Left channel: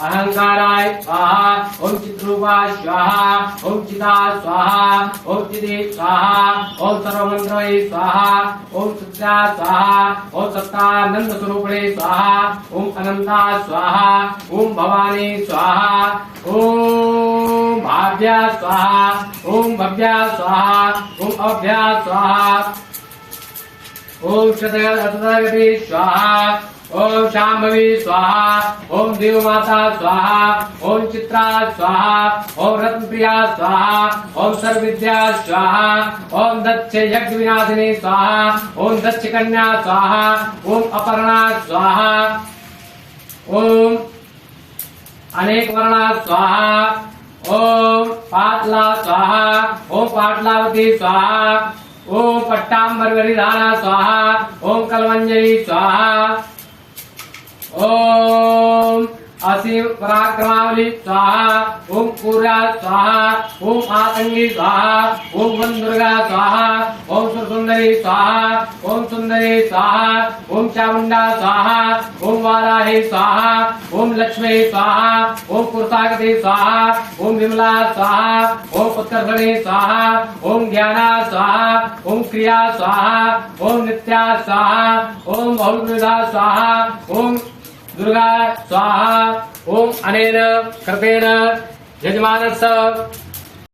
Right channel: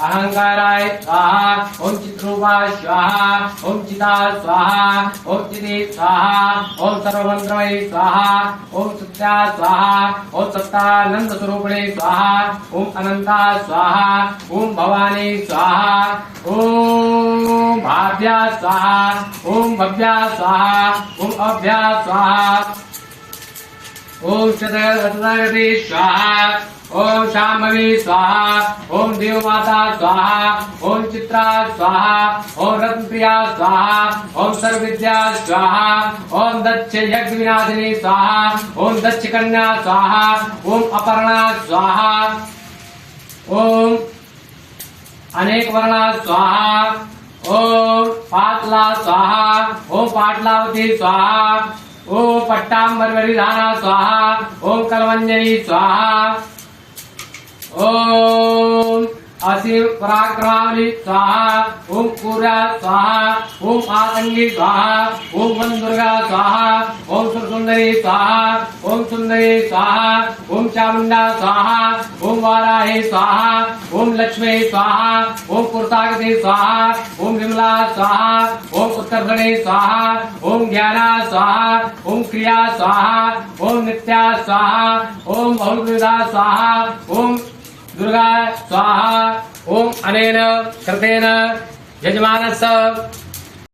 अहंकाराय स्वाहा ओम चित्रूपा स्वाहा ओम चिता स्वाहा ओम चिति स्वाहा ओम सर्वमंत्रमयी स्वाहा ओम सत्या स्वाहा ओम सत्तानंद स्वरूपिणी स्वाहा ओम अनंता स्वाहा ओम भवानी स्वाहा ओम भाभ्या स्वाहा ओम भव्या स्वाहा ओम अभ्या स्वाहा ओम शतगति स्वाहा ओम शांभवी स्वाहा ओम देवमाता स्वाहा ओम चित्रा स्वाहा ओम रत्नप्रिया स्वाहा ओम सर्वविद्या स्वाहा ओम दक्ष यज्ञ विनाशिनी स्वाहा ओम दक्ष कन्या स्वाहा ओम अपर्णा स्वाहा ओम अनेक वर्णा स्वाहा ओम पाटला स्वाहा ओम पाटलावती स्वाहा ओम पट्टांबर विधाना स्वाहा ओम कलवंजयी स्वाहा ओम असीम पराक्रमावली स्वाहा ओम पूरा स्वाहा ओम आतंगी स्वाहा ओम वन दुर्गा स्वाहा ओम सुंदरी स्वाहा ओम सुंदरी स्वाहा ओम चामुंडा स्वाहा ओम वाराही स्वाहा ओम लक्ष्मी स्वाहा ओम कुर्तागति स्वाहा ओम विमला स्वाहा ओम उत्तरधनी स्वाहा ओम ज्ञाना स्वाहा ओम क्रिया स्वाहा ओम नित्या स्वाहा ओम बहुविधा स्वाहा ओम दुर्गा स्वाहा ओम अनेन कृतेन यजमानस्य